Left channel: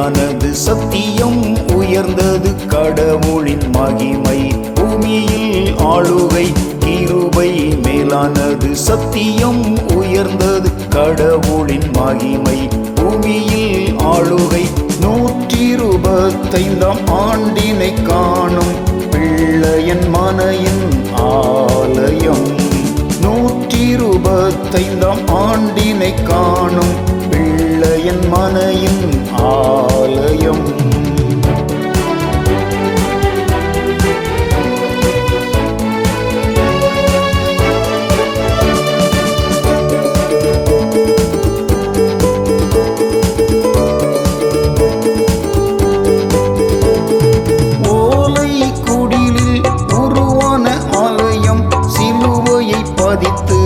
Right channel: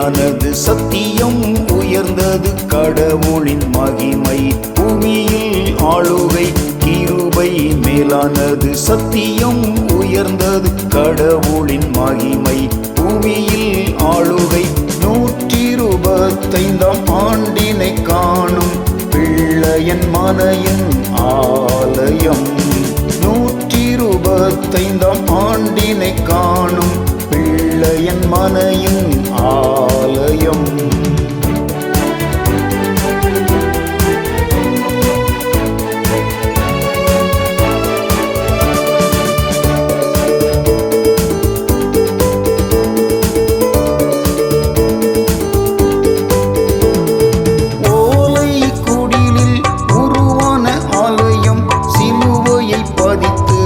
மேலானது சத்தியம் உயர்ந்தது கடவுளின் மகிமை பூமியில் ஆளுகை கிருபை மேலானது சத்தியம் உயர்ந்தது கடவுளின் மகிமை பூமியில் ஆளுகை 125ஆம் ஆண்டினை காணும் பிள்ளையன் மனையின் ஆலயம் 125ஆம் ஆண்டினை காணும் பிள்ளையன் மனையின் ஆலயம் ஆலயம் சிலுவையை பதித்து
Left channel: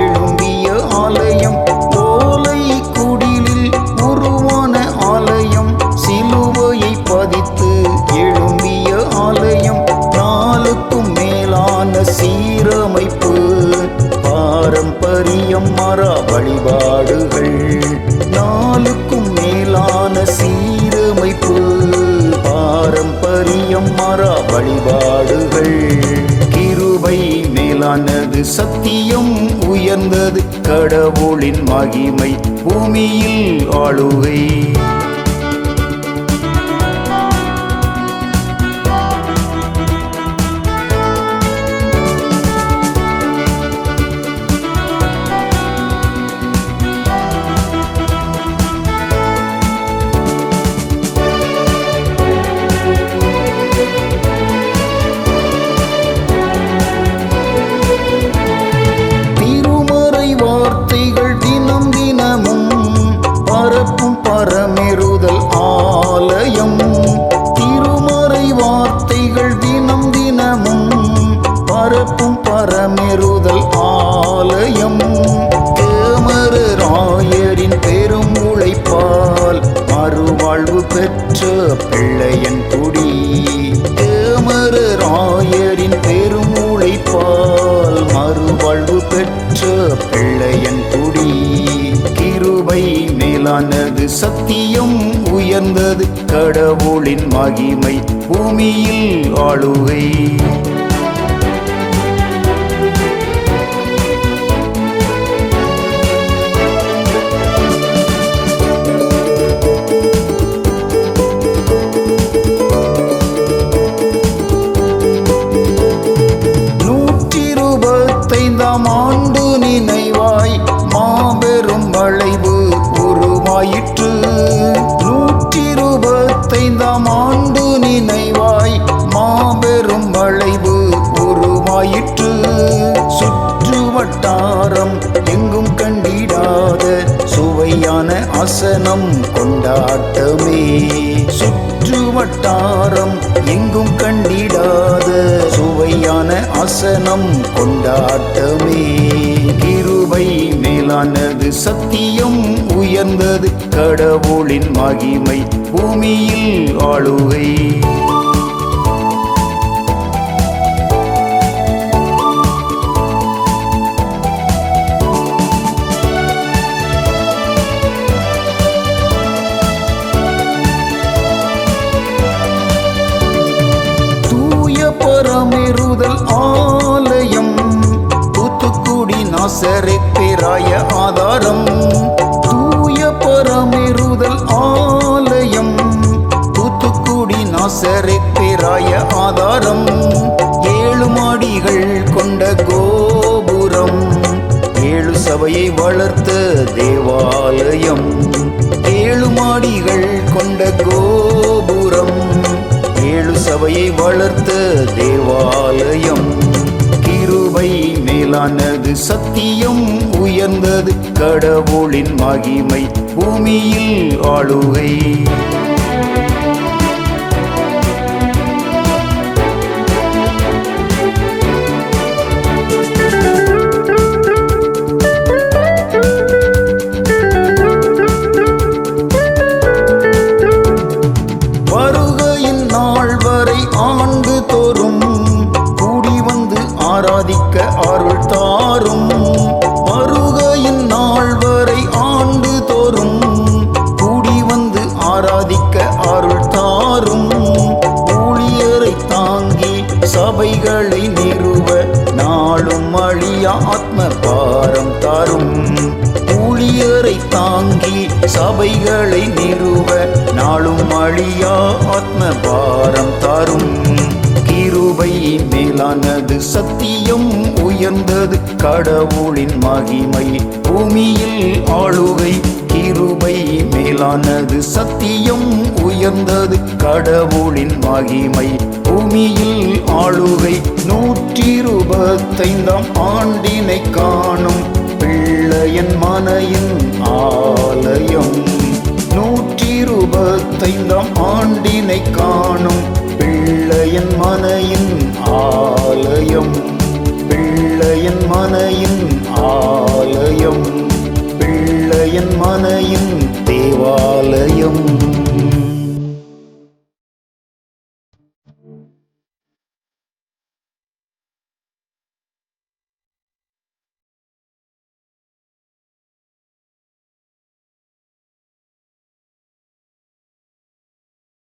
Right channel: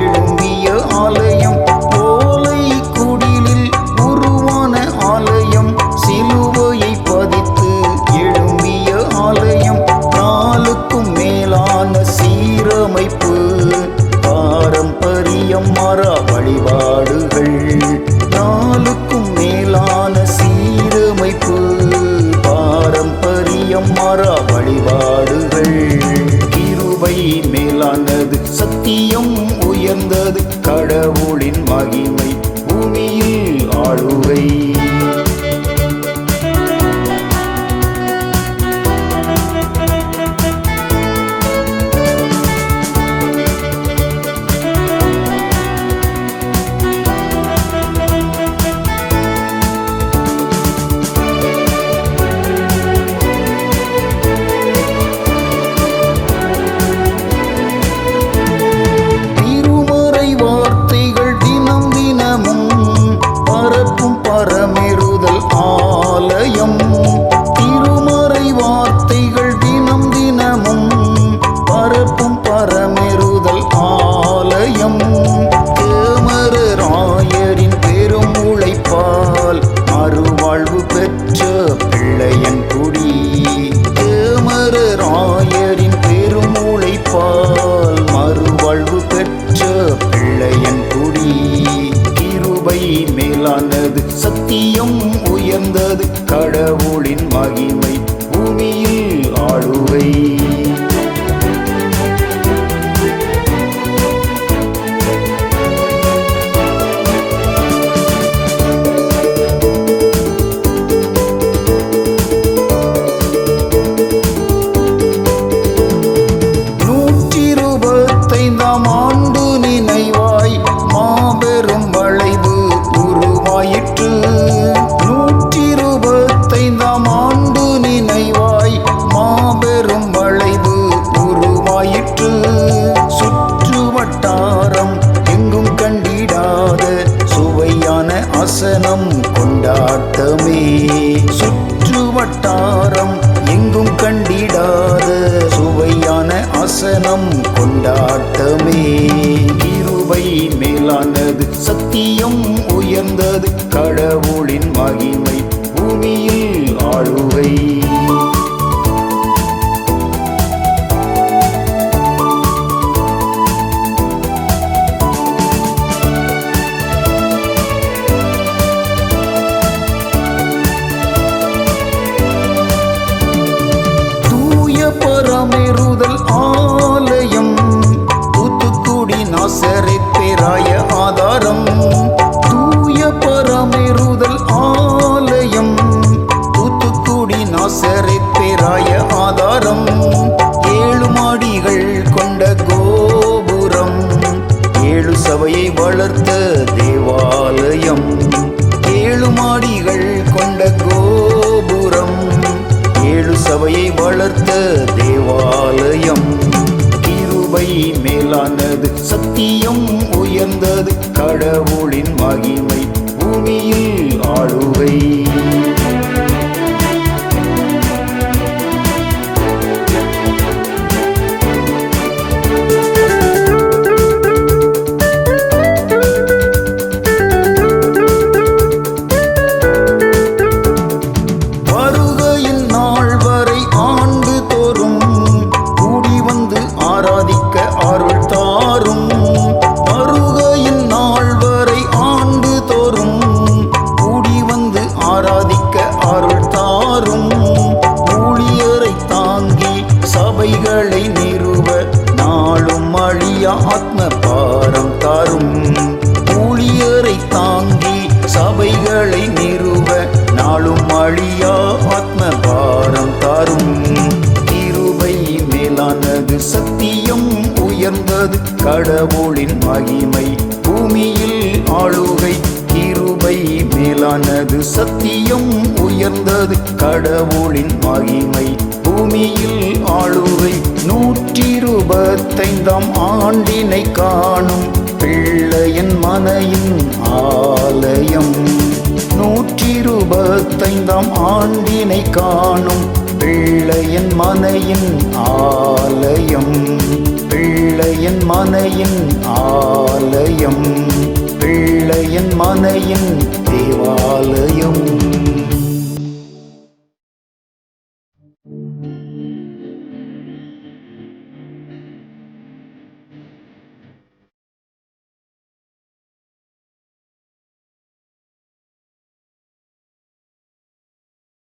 எழும்பிய ஆலயம் ஓலை குடிலில் உருவான ஆலயம் சிலுவையை பதித்து எழும்பிய ஆலயம் நாளுக்கும் மேலான சீரமைப்பு பாரம்பரியம் மரா வழிபாடுகள் நாளுக்கும் மேலான சீரமைப்பு பாரம்பரியம் மரா வழிபாடுகள் கிருபை மேலானது சத்தியம் உயர்ந்தது கடவுளின் மகிமை பூமியில் ஆளுகை வார்த்தைகள் தினம் தினமும் பரப்பும் பரமெறுதல் ஆலயம் திருமறை வார்த்தைகள் தினம் தினமும் பரப்பும் பரமெறுதல் ஆலயம் கேமராயரின் பெரும் உழைப்பால் மறுவாழ்வு பெற்ற பிள்ளையன் குடி கேமராயரின் பெரும் உழைப்பால் மறுவாழ்வு பெற்ற பிள்ளையன் குடி கிருபை மேலானது சத்தியம் உயர்ந்தது கடவுளின் மகிமை பூமியில் ஆளுகை ஐந்தாம் ஆண்டு நினைவாய் மாபெரும் வளைவு உருவாயிற்று 125ஆம் ஆண்டு நினைவாய் மாபெரும் வளைவு உருவாயிற்று சுற்று வட்டாரம் எங்கும் கண்டிடாத சுவையான அசனம் கொண்டாட்டமே சுற்று வட்டாரம் எங்கும் கண்டிடாத சுவையான அசனம் கொண்டாட்டமே கிருபை மேலானது சத்தியம் உயர்ந்தது கடவுளின் மகிமை பூமியில் ஆளுகை பரமெறுதல் ஆலயம் தூத்துக்குடி நாசரேத் பேராய ஆதாரம் தூய பரமெறுதல் ஆலயம் தூத்துக்குடி நாசரேத் பேராய ஆதாரம் 7 மாடிகள் கொண்ட கோபுரம் 7 சபையை வளர்த்த தேவாலயம் 7 மாடிகள் கொண்ட கோபுரம் 7 சபையை வளர்த்த தேவாலயம் கிருபை மேலானது சத்தியம் உயர்ந்தது கடவுளின் மகிமை பூமியில் ஆளுகை ஆண்டு தோறும் கூடி வந்து ஆராதிக்க அருள் தாரும் வருகையின் நாள் வரை ஆண்டு தோறும் கூடி வந்து ஆராதிக்க சபைகளை நிறுவ நாளும் அழியா ஆத்ம பாரம் தாரும். ஊழியரை தாங்கி சபைகளை நிறுவ நாளும் அழியா ஆத்ம பாரம் தாரும். கிருபை மேலானது சத்தியம் உயர்ந்தது கடவுளின் மகிமை பூமியில் ஆளுகை. கிருபை மேலானது சத்தியம் உயர்ந்தது கடவுளின் மகிமை பூமியில் ஆளுகை. 125ஆம் ஆண்டினை காணும் பிள்ளையின் மனையின் ஆலயம். 125ஆம் ஆண்டினை காணும் பிள்ளையின் மனையின் ஆலயம். பிள்ளையின் மனையின் ஆலயம். பிள்ளையின் மனையின்